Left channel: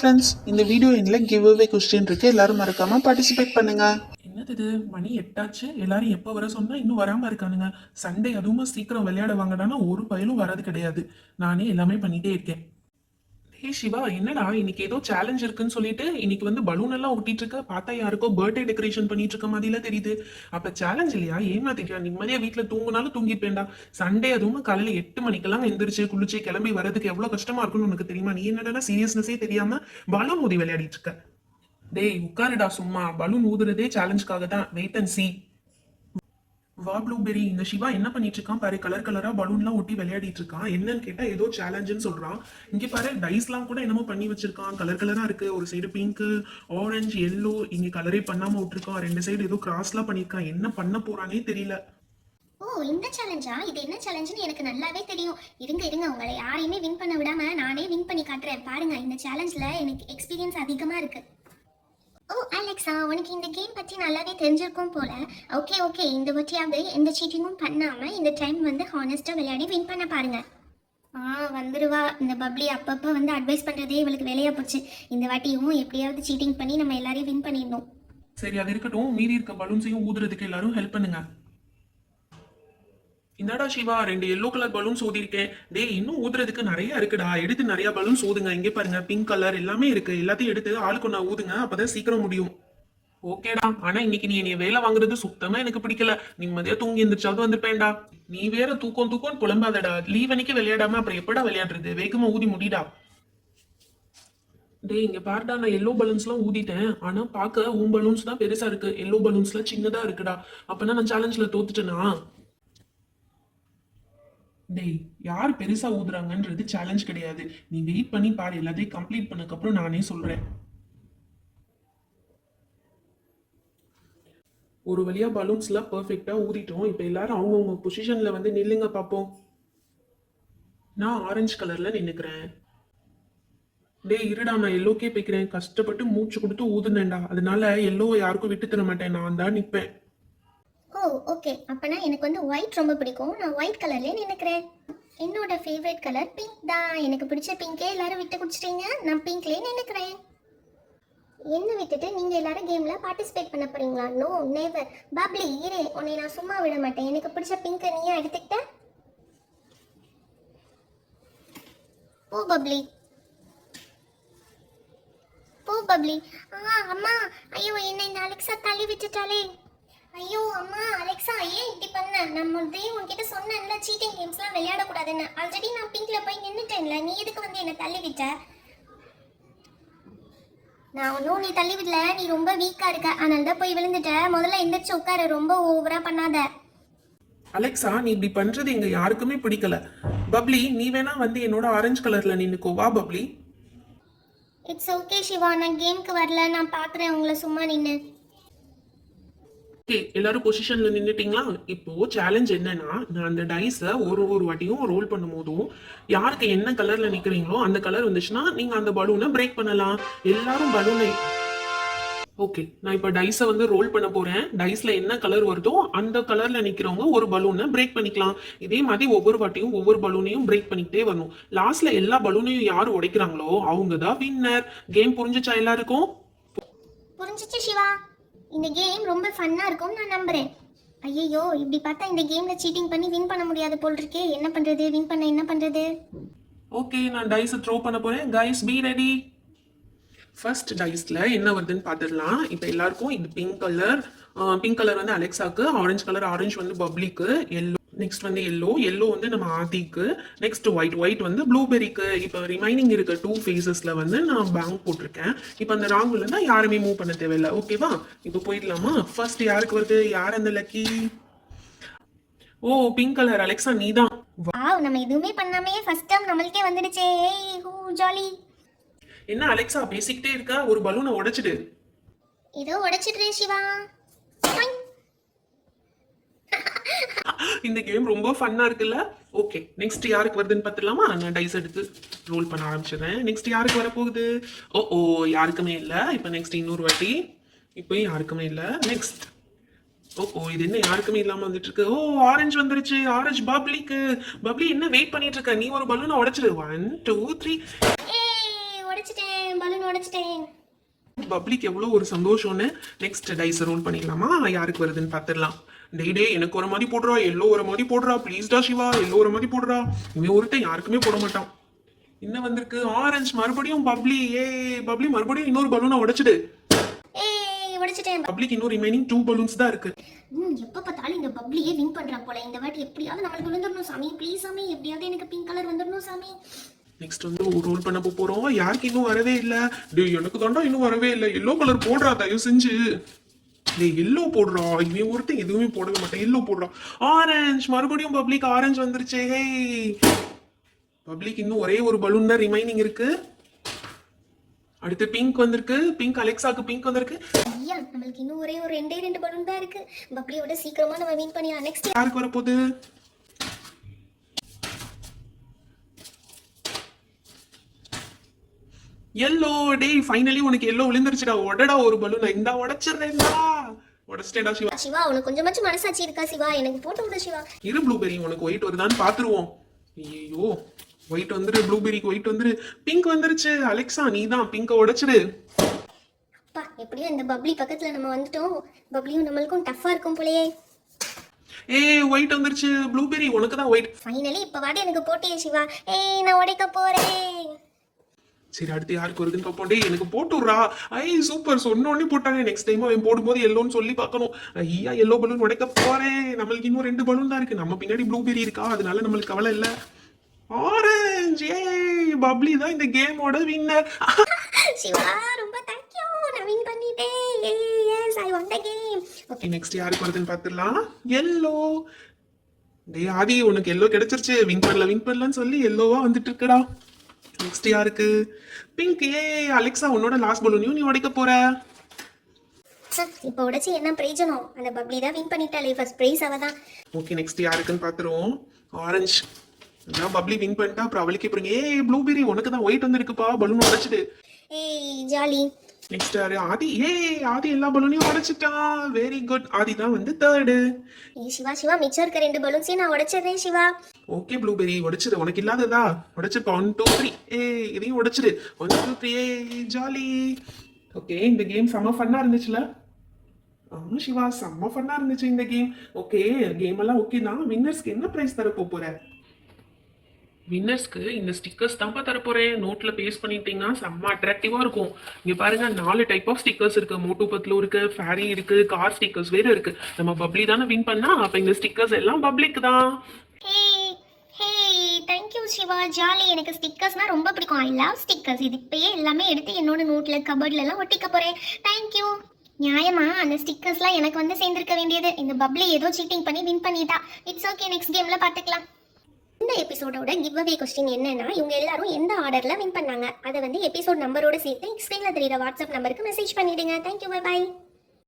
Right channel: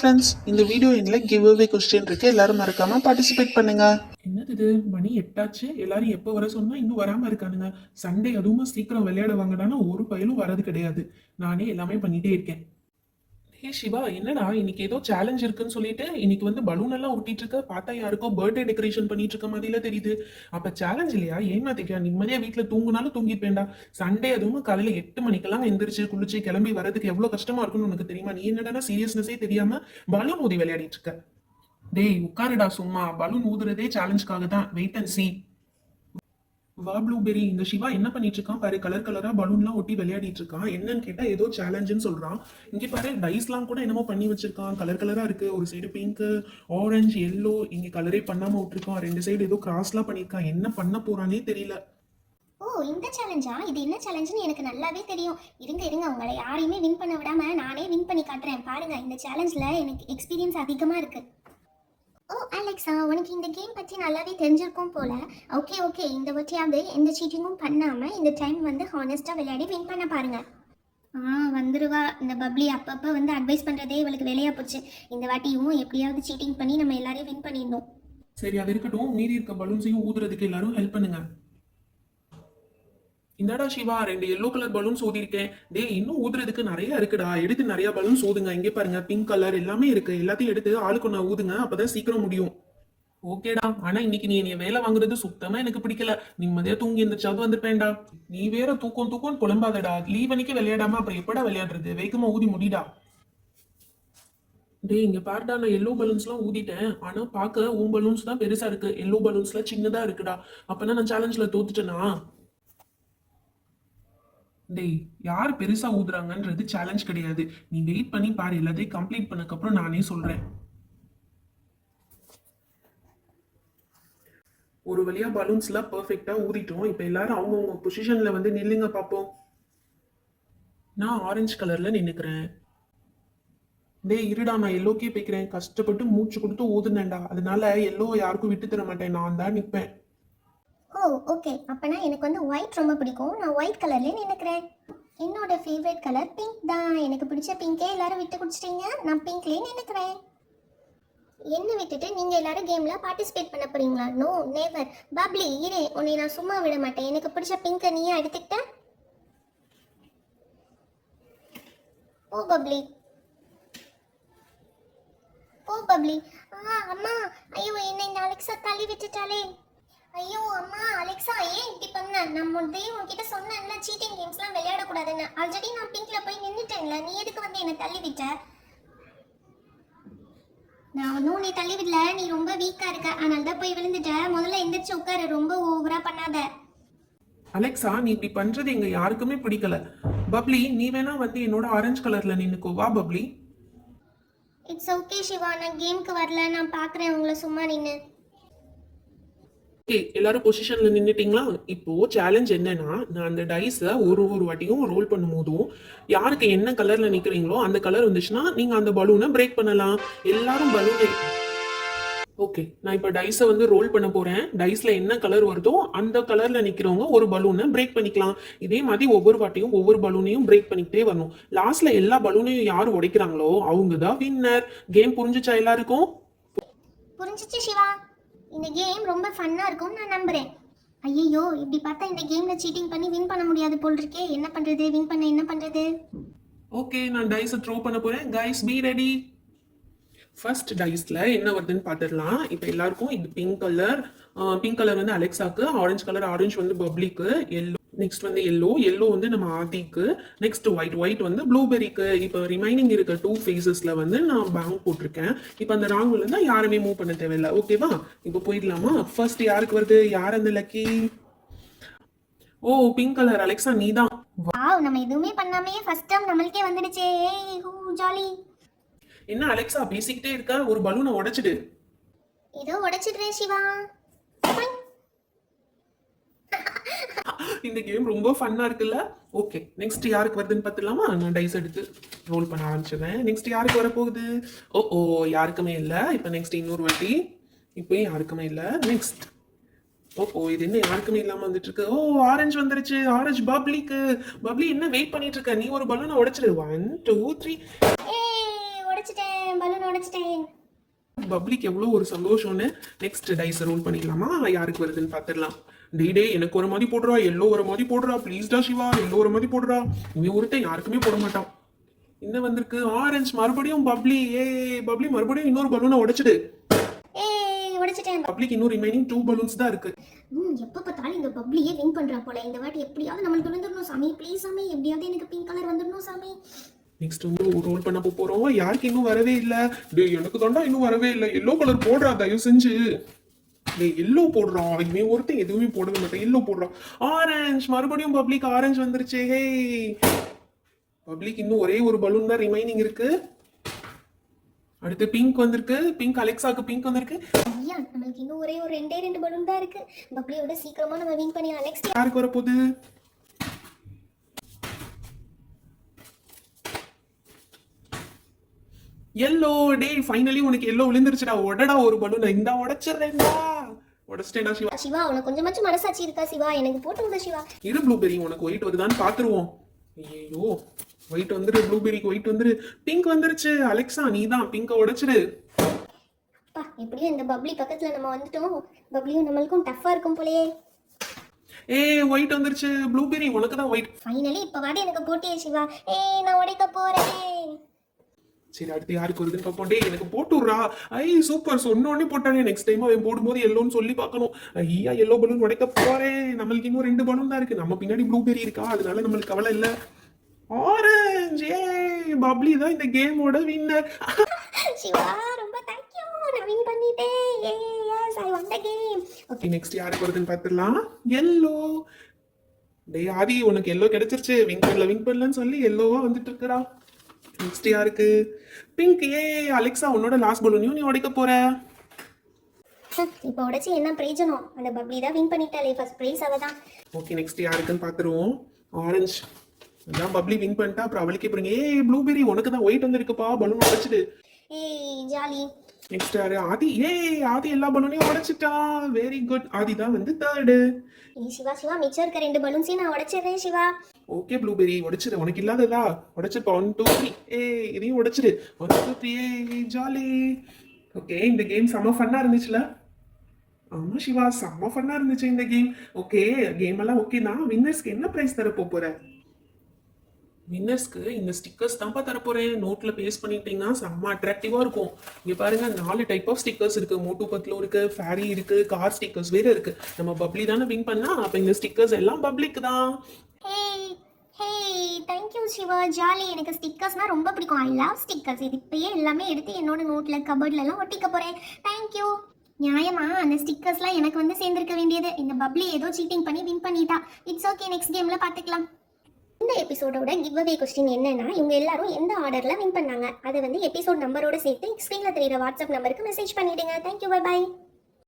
Friends, இந்த video எண்ணில் give away question இருக்கு. எல்லாரும் மறக்காம பார்ட்டிசிபேட் பண்ணுங்க. என்னது இது மணி 8 எல்லாரும் எப்போ வர சொன்னா இன்னும் வராம இருக்கானுங்க. சண்டே அதுவும் சீக்கிரம் விளையாட வாங்கினானா ஒரு பயலும் வர்றது கிடையாது. நானே எல்லாமே பண்ணிட்டே இருக்கேன். ஹே சிவா, என்னடா இன்னைக்கு ஏதோ சேலஞ்ச் இருக்குன்னு சொல்லிட்டு இன்னைக்கு வந்து பலூன் எல்லாம் ஒட்டிட்டு இருக்க. பார்த்தா யாருக்கோ பர்த்டே டெக்கரேஷன் பண்ணிட்டு இருக்க மாதிரிலாம் தெரியுது. அப்ப சேலஞ்ச் இல்லையா? ஏமாத்திட்டியா? நிம்மதியா வீட்டுல தூங்குனாலும் தூங்கிப்பேன்டா. சண்டே அதுவும் காலையில 8 மணிக்கெல்லாம் எந்திரிச்சு குளிச்சு கிளம்பி வரதுக்கு எவ்வளவு கஷ்டமா இருக்கும்னு உனக்கு தெரியுமா? நீ என்னடா சீரியஸ்னஸே தெரியாம பலூன் ஊதி விளையாடிட்டு இருக்க. டேய் உட்காருடா சும்மா. பலூன் ஊதுறதே சேலஞ்சுக்காக தான். Wait and see. வா ப்ளூபெரி, இந்த சிவா என்ன பண்ணிட்டு இருக்கான் பாரு. கலர் கலரா பலூன்லாம் ஒட்டி விளையாடிட்டு இருக்கான். என்னன்னு கேட்டா ஏதோ சேலஞ்சுன்னு சொல்றான். இங்க பாரு டைஸ்லாம் கூட என்னமோ பண்ணி வச்சிருக்கான். கலர் கலரா இருக்கு. ஒரு சைடு பிங்க், ஆரஞ்சு, எல்லோ. இங்க கலரே பண்ணாம விட்டுருக்கான். ரெண்டு சைடு ஏதோ கிராஸ்லாம் பண்ணிருக்கான். என்ன பண்ண போறானே தெரியல. ஓ, இந்த சேலஞ்சா? இது என்ன சேலஞ்சுன்னு எனக்கு நல்லாவே தெரியும். இருங்க இருங்க, உங்களை யாரையுமே வின் பண்ண விடாம நானே வின் பண்ணி காட்டுறேன். பாருங்க, இந்த சேலஞ்சில் எனக்கு எக்ஸ்பீரியன்ஸ் அதிகமாக இருக்கு. ஓ அலெக்ஸா, உனக்கு இந்த கேம் பற்றி நல்லாவே தெரிஞ்சிருக்கும் போல. ஓகே ஓகே, இந்த வாட்டியாவது எந்த சீட்டிங்கும் பண்ணாமல் இந்த டைம் வந்து ஹானஸ்ட்டாக விளையாடி வின் பண்ண பாருங்க. வந்துருவா இந்த பப்ளி. அப்பப்போ வந்து அட்வைஸ் பண்ணுறதே இவளுக்கு வேலையாக போச்சு. இந்த வாட்டியும் எப்படியாவது சீட்டிங் பண்ணி நம்ம எல்லாரையும் வின் பண்ணிடணும். சரி, அது இருக்கட்டும். மீறி இருக்க பலூன்ஸையும் ஊதுறதுக்கு எல்லாரும் ஹெல்ப் பண்ணுங்க. இந்தாடா சிவா, 2 எல்லோ கலர் பலூன்ஸ் ஊதிருக்கேன். டேய் இன்னும் ஊதுறதுக்கு நிறைய இருக்குடா. எடுத்து நிறைய பலூன்ஸ் ஊதுங்க. இங்கே பாருங்க, பிங்க் கலர் எல்லாமே இருக்கு. எல்லாத்தையும் எடுத்து ஆளுக்கு நான் ஊதுங்க. அப்பதான் சீக்கிரம் முடியும். ஓகேடா. ஆனா இன்னைக்கு நீ என்னைய வேலை வாங்குறது சுத்தமா எனக்கு பிடிக்கல. நிம்மதியா தூங்கி எந்திரிச்சாவது வந்துப்பேன்டா. நீ வேற தூக்கம் தூக்கம் புலம்பாதடா. லீவ் அன்னைக்கு விளையாடாம அப்புறம் எப்படா விளையாடுறது? வேகமா ஊதி முடிடா. டேய் இங்க பாருடா, நான் எல்லோ பலூன்ஸ்லாம் ஊதிட்டேன். ஆனா பார்க்க உன் பலூன்ஸ் தான் பெருசா இருக்கு. எல்லோ பலூன்ஸ்லாம் சின்னதா இருக்குடா. அப்பனா நான் சேலஞ்சில் தோத்துட்டேனா? டேய் யார் பெருசா ஊதுறாங்கன்றது சேலஞ்ச் கிடையாது. நீ வெயிட் பண்ணி பாரு. எல்லாத்தையும் கம்ப்ளீட் பண்ணக்கப்புறம் நானே சொல்றேன். ஒரு வழியா பலூன்ஸ்லாம் பர்ஃபெக்டா ஊதிட்டோம். இப்போ எல்லாரும் அவங்கவுங்க பொசிஷன்ல வந்து நில்லுங்க பார்ப்போம். நான் ஆரஞ்சு கலர்ல நின்னுக்கிறேன். டேய் இருடா, நான் எல்லோக்கே போய்க்கிறேன். கஷ்டப்பட்டு மூச்சு கொடுத்து ஊதுனேன்டா. அதனால எல்லோ யாருக்கும் விட்டு தர மாட்டேன். நான் தான் நிற்பேன். ஓ ஓகே, அப்போனா எனக்கு வந்து ஒயிட் ரொம்ப பிடிக்கும். நான் ஒயிட் கலர்லேயே நினைக்கிறேன். என்னோட ஃபேவரட் கலர் பிங்க் தான். எனக்கு பிடிச்ச பிங்கே எல்லாரும் விட்டு குடிச்சிட்டீங்க. நான் பிங்க்லேயே நினைக்கிறேன். என்ன விட்டுட்டு நீங்கள் எல்லாரும் கேமில் பார்ட்டிசிபேட் பண்ண போறீங்களா? No never. பப்ளி இரு, உன்னை நான் சும்மா விட மாட்டேன். எனக்கு பிடிச்ச பிங்கை நீயே எடுத்துக்கிட்ட. ஓ பப்ளி, போ பப்ளி. அம்மா, ஐயோ என்னை இந்த அலெக்ஸா தள்ளி விட்டுட்டாலே. ஐயோ அம்மா, அலெக்ஸா ஏன் இப்படி பண்ண? நான் முதலே உன்கிட்ட சொன்னேன்ல சீட்டிங் கேம்ஸ்லாம் விளையாடக்கூடாதுன்னு. ஆல்ரெடி நான் பிங்க்ல போய் நின்றுட்டேன்ல. நீ எதுக்கு வந்து என்னை தள்ளி விட்ட? நான் ஒன்றும் நீ தள்ளி விடல. நீ ரொம்ப வீக்காக இருக்க, அதனால தான் போய் விழுந்துட்ட. முதல்ல எந்திரிச்சு உட்காரு. ரொம்ப ஓவரா பண்ணாத. அலெக்ஸா, நீ இப்படி பண்றது எங்க யாருக்குமே பிடிக்கல. பப்ளி, நீ வேணா வந்து என்னோட ஆரஞ்சு கலர்ல நின்னுக்கோ. வா பப்ளி. இட்ஸ் ஓகே சிவா, நான் கேமுக்கு வரல. நான் பார்க்குறேன் உங்களை சும்மா நின்று. ஓகே, எல்லாரும் பொசிஷன்ல நின்னுட்டீங்களா? இப்போ சேலஞ்ச் என்னன்னா, நான் அந்த டைஸை ஒரு ஒரு வாட்டியும் ரோல் பண்ணும் போதும் யாருக்கு என்ன கலர்ல நிக்கிறீங்களோ அந்த கலர் வந்துச்சுன்னா நீங்க அந்த பலூனை பிரேக் பண்ணலாம். எல்லாரும் பலூனை ஓகே, நான் இப்போ டைஸை வந்து ரோல் பண்ண போறேன். டைஸ்ல என்ன கலர் வருதோ அந்த கலர்ல நிக்கிறவங்க ஒரு பலூனை பிரேக் பண்ணிக்கலாம். இதே மாதிரி ஒவ்வொரு வாட்டியும் ஒவ்வொரு பலூனையும் பிரேக் பண்ணிக்கிட்டே வரணும். லாஸ்ட்ல எல்லா பலூனையும் யார் உடைக்கிறாங்களோ அவங்க தான் வின்னர். கேம் புரிஞ்சுச்சா எல்லாருக்கும்? புரிஞ்சிச்சு சிவா. இந்த கேம் ரொம்ப ஃபன்னாக இருக்கும்னு நான் நம்புகிறேன். ஐயோ, இப்படி பார்த்தா இந்த கேமில் சீட்டிங் பண்ணி வின் பண்ண முடியாது போல் இருக்கே. என்ன பண்ணுறது? வின் பண்ண என்ன பண்ணுறது? ஓகே, நான் டைஸை த்ரோ பண்ண போறேன். Guys be ready. ஃபர்ஸ்ட் டைஸ்ல என்ன வருதுன்னு பார்த்துடலாம். இப்போ எல்லாருக்கும் இது பிங்க் கலர் வந்து அலெக்ஸாக்கு, ஆரஞ்சு கலர் ஆரஞ்சு வந்து பப்ளிக்கு, எல்லோ நெக்ஸ்ட் வந்து எல்லோ வந்து நம்ம ஆதிக்கு, நெக்ஸ்ட் ஒயிட் வந்து ப்ளூபெரிக்கு. இப்போ ரிமைனிங் இருக்க 2 ஃபேஸஸ்ல வந்து நான் பேங்க் போட்டிருக்கேன். இப்போ அந்த ராங்குல இருந்தா யாருமே மூவ் பண்ண தேவையில்லை. ஓகேவா? இப்போ போயிடலாமா? ஃபர்ஸ்ட் யாருக்கு வருது? யார் அந்த லக்கி? ஓ பிங்க் கலர் அலெக்ஸா, நீ தான். வாவ், நம்ம எதுவுமே பண்ணாமே ஃபர்ஸ்ட் டைம் நம்மளுக்கே வந்துடுச்சே. ஏய் ஹூ ஜாலி. என்ன அலெக்ஸா பேசிக்கிட்டே இருக்க? ஒரு பலூனை உடைச்சிடு. ஏதோ உடைச்சிடுறேன் சிவா. இந்த கேம் ரொம்ப ஃபன்னா இருக்குல்ல? ஓகே, நெக்ஸ்ட் யாருக்கு வருதுன்னு பார்த்துலாமா? நான் டைஸ் எடுத்து ரோல் பண்ண ஆரம்பிச்சிடுறேன். நெக்ஸ்ட் யாருக்கு வர போகுது? ஓ யாருக்குமே இல்லை. இப்போ நெக்ஸ்ட் இன்னொரு வாட்டி. இப்போ யாருக்குமே இல்லை. நெக்ஸ்ட் இது என்ன யாருக்குமே இல்லாம வந்துட்டு இருக்கு? ஆரஞ்சு வந்துருச்சு. ஆரஞ்சு பப்ளிக்கு. பப்ளி என்ன வெயிட் பண்ணிட்டு இருக்க? நீ ஒரு பலூனை உடைச்சிடு. 1 2 3. ஏய் உடைச்சிட்டேன். பலூன் உடைச்சிட்டேன். பப்ளிக் எவ்வளோ ஒரு சந்தோஷம்னு. நெக்ஸ்ட் டைஸ் ரோல் பண்ணிக்கலாமா? யாருக்கு வருதுன்னு பார்த்துடலாம். டே எனக்கு ஒரு மாதிரி போடுறா, எல்லோ ஒரு மாதிரி போடுறா, ப்ளீஸ்டா சிவா, எல்லோ ஒரு மாதிரி போடுறா. இவன் ஒருத்தன் யாருக்குமே போட மாட்டான். என்ன வந்திருக்கு? ஆரஞ்சு. மறுபடியும் பப்ளி. பப்ளி மறுபடியும் இன்னொரு பலூனை உடைச்சிடு. ஏய் உடைச்சிட்டேன். பப்ளிக் இன்னும் ரிமைனிங் 2 பலூன்ஸ் தான் இருக்கு. எப்ப பார்த்தாலும் இந்த பப்ளியே வின் பண்றான் போல. இந்த வாட்டி எப்படியாவது நம்மளுக்கு விழுந்துடணும் சாமி. ப்ளீஸ் சாமி, எப்படியாவது எனக்கு பிங்க் கலர் வந்துடணும் சாமி. நெக்ஸ்ட் வந்து ரோல் பண்ண போறோம். யாருக்கு இன்னும் வரவே இல்ல? டேய் எனக்கு தாண்டா இன்னும் வரவே இல்ல. எல்லோ கலர் போடுறா தயவு செஞ்சு. டேய் எல்லோ போடுறா. இவன் ஒருத்தன் எதுவுமே போடவே மாட்டான். எல்லோ போடுறா. ஆரஞ்சு. மறுபடியும் பப்ளிக் ஆரஞ்சு வந்துருச்சு. பப்ளிக் இன்னும் ஒரே ஒரு பலூன் தான் ரிமைனிங் இருக்கு. அடுத்து பிங்க் வந்திருக்கு. பிங்க் அலெக்சாக்கு பிங்க் வந்திருக்கு. ஐயா நம்மளுக்கு இன்னும் ஒரே ஒரு ரெண்டு பலூன் தான் இருக்கு. பப்ளியோட சீக்கிரமா நம்ம வின் பண்ணிடலாம். நெக்ஸ்ட் யாருக்கு வர போகுது? எல்லோ. டேய் ஃபைனலி உனக்கு எல்லோ விழுந்துருச்சுடா. உடடா ஒரு பலூன். இந்தா உடைச்சிடுறேன்டா. உடைச்சிட்டேடா சிவா. சிவா உனக்கு கொஞ்சமாச்சும் மனசாட்சி இருக்கா சிவா? எனக்கு போட்டு விடு சிவா. இரு ப்ளூபெரி, உனக்கு ஒயிட் வருதான்னு பாத்துருவோம். ஐயோ ஒயிட் வந்துரு. ப்ளூபெரிக்கு ஒயிட் வந்துரு. பிங்க் வந்துருச்சு. அலெக்சா நீ தான் பிங்க உடைச்சிரு. அப்பா எப்படியோ இந்த பப்ளி பக்கத்துல நம்ம வந்துட்டோம். பப்ளியும் நம்மளுக்கும் டஃப்பா இருக்கும் போலயே. ஒயிட் வந்துருச்சு. ப்ளூபெரி உனக்கு தான் ஒயிட். ஃபைனலி இப்ப வாடி எனக்கு போட்டே சிவா. நான் உடைக்க போறேன். சரி அடுத்து யாருக்கு வருதுன்னு பார்ப்போம். டேய் எனக்கு போட்டு விட்றா. சூப்பர், சொன்ன உடனே போட்டாங்க. நெக்ஸ்ட் டைம் அவன் போடும்போது எல்லோன்னு சொல்லி பார்க்கணும். ஐயா எல்லோ பலூன் உடைக்க போறேன். நம்மளுக்கு இன்னும் 2 பலூன் தான் இருக்கு. நம்ம பின்னாடி ப்ளூபெரி இருக்கா, அதனால நம்மளுக்கு கவலை இல்லை. ஆரஞ்சு. பப்ளி தான் இந்த கேமோட வின்னர். சிவா ரொம்ப தேங்க்யூ. நான் வின் பண்ணிட்டேன். Yes I won the game. Okay next யாருக்கு வருதுன்னு பார்த்துடலாம். எல்லோ. டேய் ஆதி உனக்கு எல்லோ கிடைச்சிருச்சு. வின் பண்ணலாம்னு சொல்லி எல்லோவா வந்துட்டு இருக்கடா. நெக்ஸ்ட் யாருக்கு? பிங்க். அலெக்சா உன்னோட லாஸ்ட் பலூனையும் நீ உடைக்க போற. இப்போ உடைச்சு என்ன பிரயோஜனம்? அந்த பப்ளி தான் வின் பண்ணிட்டாலே. ஃபர்ஸ்ட் பிரைஸ் அவ தான். ஓகே நெக்ஸ்ட் யாருக்குன்னு பார்த்துருவோம். ஆரஞ்சு. நான் பப்ளி வின் பண்ணிட்டா. அப்புறம் அவளுக்கு இப்போ ப்ளூபெரி உனக்கு தான் ஒயிட் வந்துருக்குப்பா. பலூன் உடைச்சிடு. ஜாலி. நெக்ஸ்ட் யாரு? ஆதி. ஆதி எல்லா பலூனையும் உடைச்சிட்டான். Very good. ஆதி தான் வந்து தேர்டு. சிவா மிச்சம் இருக்க 2 பலூன்ஸையும் நான் உடைச்சிடுறேன் சிவா. ஓகே ப்ளூபெரி உடைச்சிரு. உனக்கு இல்லாததா உடைச்சிருப்பா. 1 2 3. இதையும் உடைச்சிரு. 1 2 3. ஜாலி. ஓகே இந்த கேம் செம்ம ஃபன்னா இருந்துச்சுல? ஆமா சிவா செம்ம ஃபன்னா இருந்துச்சு இந்த கேம். ஓகே கேம் எல்லாம் ஓகே தான். வின்னர்ஸ்க்கு என்ன பிரைஸ் தர போற? வின்னர்ஸ்க்கு இந்த ஸ்டிக்கர்ஸ் தான் தர போறேன். நோட்ல பேஸ்ட் பண்ணிட்டீங்கன்னா செம்ம அட்ராக்டிவா இருக்கும். இங்க பாருங்க 4 டைப் ஆஃப் ஸ்டிக்கர்ஸ் இருக்கு. மோட்டு பத்லோ இருக்கு, ஃபேரி இருக்கு, கார் ஸ்டிக்கர்ஸ் வேற இருக்கு. நம்ம பப்ளி தானே வின் பண்ணா, அப்ப இந்த ஸ்டிக்கர்ஸ் எல்லாம் பப்ளிக் தான். Thank you Siva. ஜாலி. எனக்கு ஸ்டிக்கர்ஸ்னா ரொம்ப பிடிக்கும். I love stickers. இது இப்பயே எல்லாமே எடுத்து என்னோட நோட்ல கபோர்ட்ல எல்லாம் ஒட்டிக்க போறேன். Thank you. நியாயமா அந்த ஸ்டிக்கர்ஸ்லாம் எனக்கு வந்து சேர்ந்திருக்க வேண்டியது. இந்த பப்ளி ஏதோ சீட்டிங் பண்ணி வின் பண்ணிட்டா. இட்ஸ் ஓகே, நெக்ஸ்ட் கேம்ல பார்த்துக்கலாம். இந்த எபிசோடோட கிவ் அவே கொஸ்டின் என்னன்னா, இவங்க எல்லாரும் எந்த ஆர்டர்ல வின் பண்ணாங்க அதை வந்து எபிசோட் நம்பரோட சேர்த்து ஸ்க்ரீன்ல தெரியுற வாட்ஸ்அப் நம்பருக்கு மெசேஜ் பண்ணிடுங்க. தேங்க்யூ. பை.